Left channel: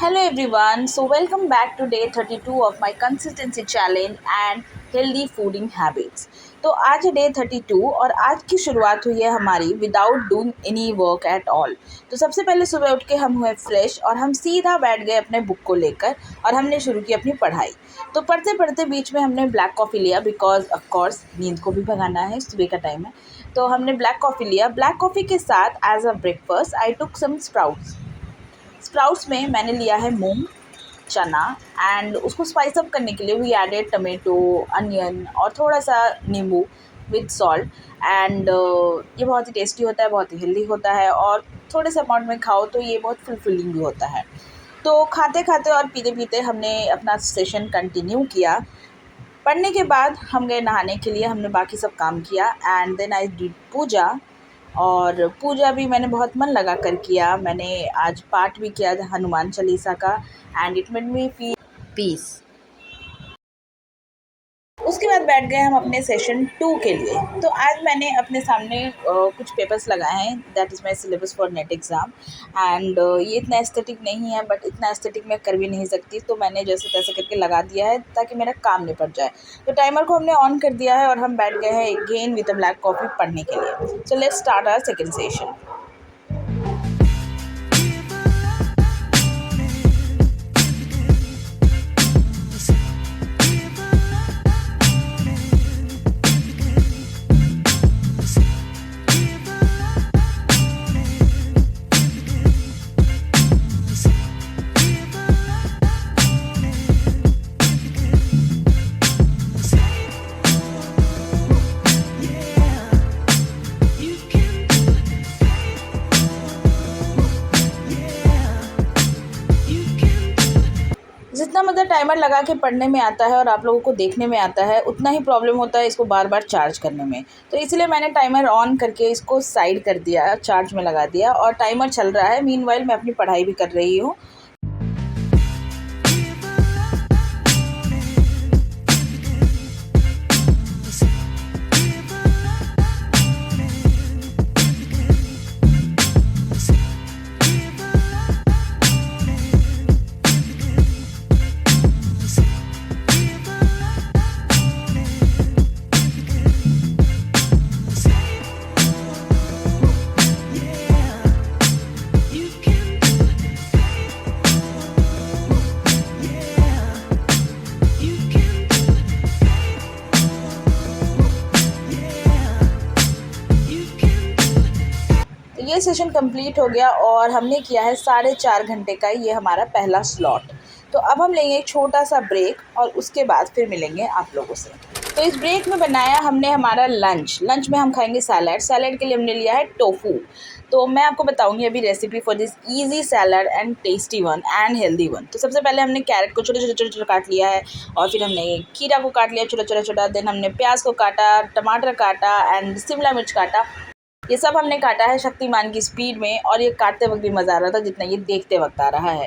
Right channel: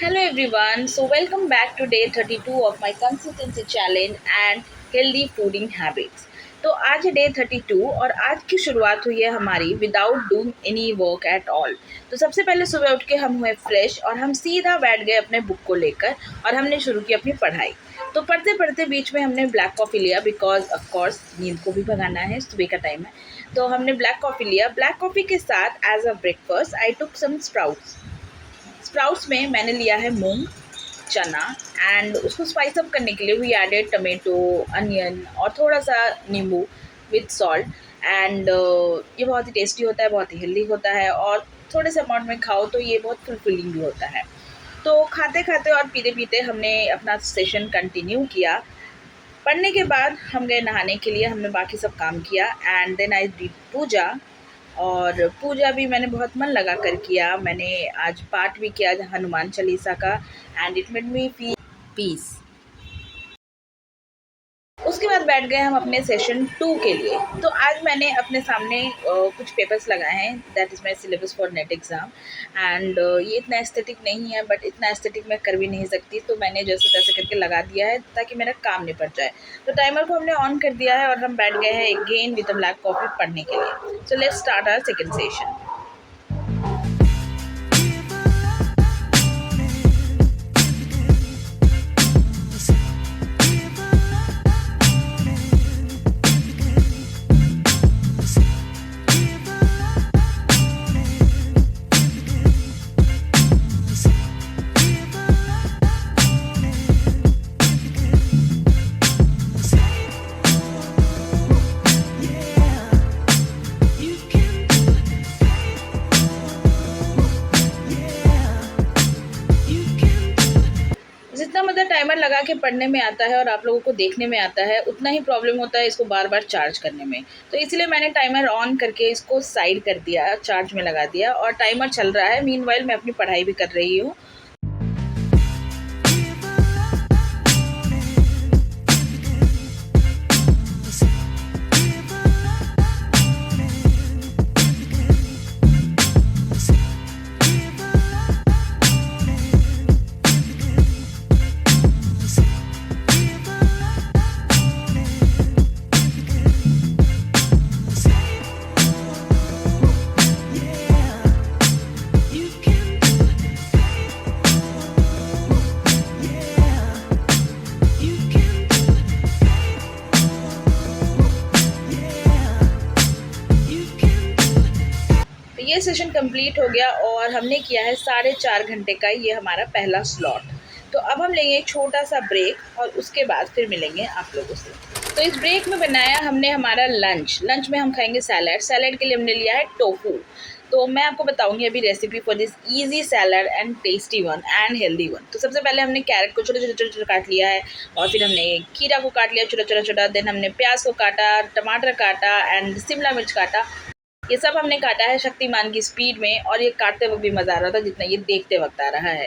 Hello everyone, so welcome back to day 32 of my consistency challenge and healthy fooding habits. तो आज है day 32 और आज की शुरुआत हुई है हमारी without doing any work at all. तो सबसे पहले सुबह उठ के हम हुए फ्रेश और हम सीधा बैठ गए अपने बुक को लेकर और हमने शुरू की अपनी पढ़ाई। तो पढ़ते पढ़ते बीच में हमने ब्लैक कॉफ़ी लिया बिकॉज ऑफ कोर्स नींद को भी भगाना है, सुबह का टाइम है। तो हमने ब्लैक कॉफ़ी लिया। ब्लैक कॉफ़ी के साथ as a breakfast I took some sprouts में मैंने लिया है मूंग, चना एंड उसको स्पाइस अप करने के लिए वी एडेड टमेटो, अनियन और थोड़ा सा नींबू विद सॉल्ट एंड ये बहुत ही टेस्टी होता है, बहुत ही हेल्दी होता है और थोड़े से अमाउंट में खाओ तो ये बहुत फुलफिलिंग भी होता है। तो खाते खाते और पीते पीते हमने अपना सेशन कंटिन्यू किया। पढ़ने के बाद हम गए नहाने के लिए, हमने बाकी सब काम किया एंड देन आई डिड पूजा। और पूजा भी मैंने बहुत मन लगा कर किया। मैंने आज पाठ भी किया हनुमान चालीसा का and it made me feel peace. उसके बाद बैठ गए हम अपने सेशन 2 के लिए। तो आज मैंने अपने सामने कुछ पेपर्स लगाए हैं, that is my syllabus for net exam and ये इतना एस्थेटिक नहीं है बट इतना एस्थेटिक मैं कर भी नहीं सकती, तो मैंने जैसे तैसे करके लगा दिया है ताकि मेरा काम निपट जाए। तो टाइमर को हमने ऑन कर दिया है और हम बैठ गए हैं again with a black coffee पढ़ने के लिए। So let's start our second session. जितना मतलब टाइमर लगा के पढ़ने में आता है और आप लोगों को देखने में आता है उतना ही प्रॉब्लम होता है इसको बार बार चार्ज करने में। तो इसलिए मैंने टाइमर ऑन करके इसको साइड कर दिया, चार्ज में लगा दिया और टाइमर चल रहा है। मीनवाइल मैं अपनी पढ़ाई भी कर रही हूँ। ये सेशन कंप्लीट हो गया और हमने किया है 4.5 घंटे का ये हमारा पहला स्लॉट। तो अब हम लेंगे एक छोटा सा ब्रेक और उसके बाद फिर मिलेंगे आप लोगों से। तो इस ब्रेक में बनाया हमने हमारा लंच में हम खाएंगे सैलड के लिए हमने लिया है टोफू। तो मैं आपको बताऊंगी अभी recipe for this easy salad and tasty one and healthy one. तो सबसे पहले हमने कैरेट को छोटे छोटे काट लिया है और फिर हमने खीरा को काट लिया छोटा छोटा। देन हमने प्याज को काटा, टमाटर काटा एंड शिमला मिर्च काटा। ये सब हमने काटा है शक्तिमान की स्पीड में और ये काटते वक्त भी मज़ा आ रहा था जितना ये देखते वक्त आ रहा है।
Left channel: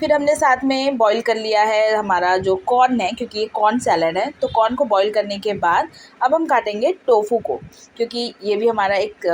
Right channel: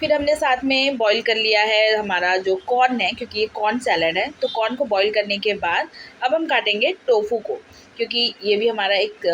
फिर हमने साथ में बॉईल कर लिया है हमारा जो कॉर्न है, क्योंकि ये कॉर्न सैलड है। तो कॉर्न को बॉईल करने के बाद अब हम काटेंगे टोफू को, क्योंकि ये भी हमारा एक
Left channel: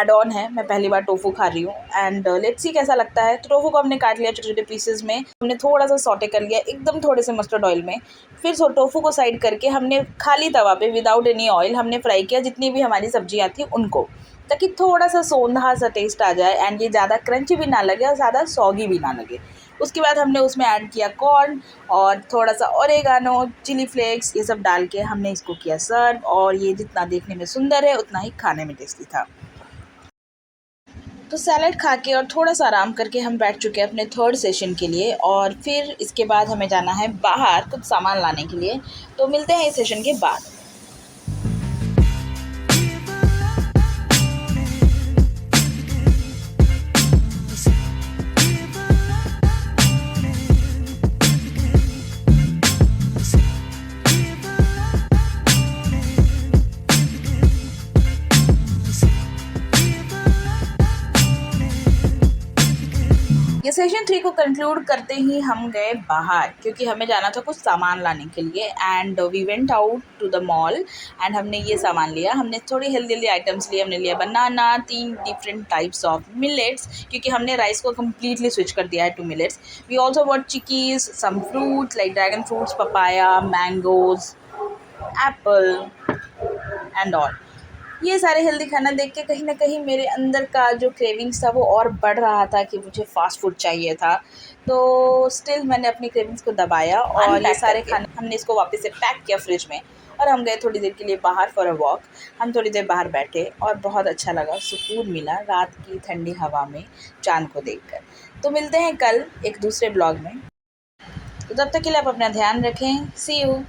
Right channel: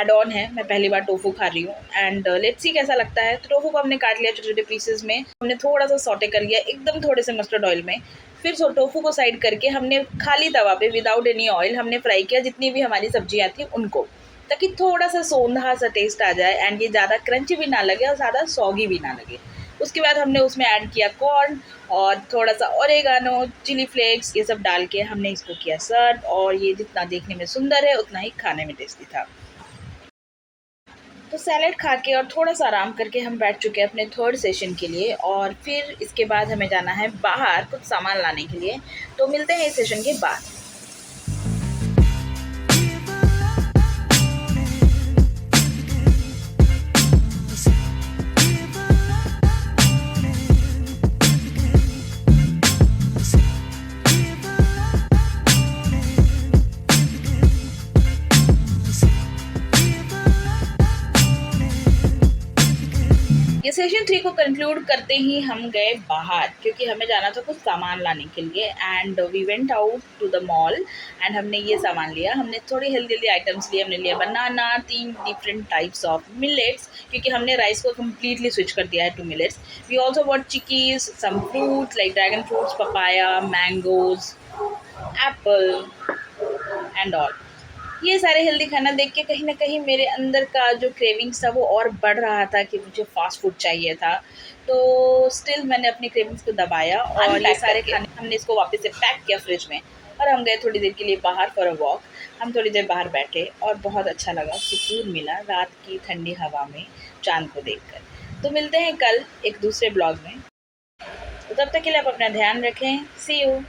एड ऑन है। मैं पहली बार टोफू खा रही हूँ एंड लेट्स सी कैसा लगता है। तो टोफू को हमने काट लिया छोटे छोटे पीसेस में, हमने थोड़ा सा सॉटे कर लिया एकदम थोड़े से मस्टर्ड ऑयल में। फिर टोफू को साइड करके हमने खाली तवा पे विदाउट एनी ऑयल हमने फ्राई किया जितनी भी हमारी सब्जियाँ थी उनको, ताकि थोड़ा सा सोंधा सा टेस्ट आ जाए एंड ये ज़्यादा क्रंची भी ना लगे और ज़्यादा सॉगी भी ना लगे। उसके बाद हमने उसमें ऐड किया कॉर्न और थोड़ा सा ओरेगानो, चिली फ्लेक्स, ये सब डाल के हमने इसको किया सर्व। और ये जितना देखने में सुंदर है उतना ही खाने में टेस्टी था। तो सैलड खा के और थोड़ा सा आराम करके हम बैठ चुके हैं अपने थर्ड सेशन के लिए और फिर इसके बाद हमें जाना है बाहर कुछ सामान लाने के लिए। तो मिलते हैं इस सेशन के बाद। ये सेशन सेशन 3 को कंक्लूड करते ही हम गए बाहर, क्योंकि हमें जाना था कुछ सामान लाने के लिए and we went out to the mall and हमने ये सामान लिया। हमने थोड़ी हेल्दी आइटम्स लिए। हमने लिया banana, 3 different types of millets, क्योंकि हमने राइस को कम्प्लीटली स्विच कर दिया है to millets. We also what chikkis, some fruits like dragon fruits, papaya, mangoes, apple and all. ये सारे हेल्दी खाना देख के कहीं न कहीं मेरे अंदर का जो क्रेविंग्स था वो और बढ़ रहा था कि मुझे फ़ास्ट फूड चाहिए था। तो स्टिल मैंने अपनी क्रेविंग्स को दबाया और ये सारे खाने हमने इसको वापस से पैक किया फ्रिज में और हम गए थोड़ी देर के लिए बाहर फॉर अ वॉक। हम थोड़ी देर बाहर बैठे और बहुत अच्छा लगा, सुकून मिला रात की ठंडी हवा में चाँद को देखकर। तो मिलते हैं कल एक दूसरे ब्लॉग में। तो तब तक के लिए आप अपना ध्यान रखें। सी यू।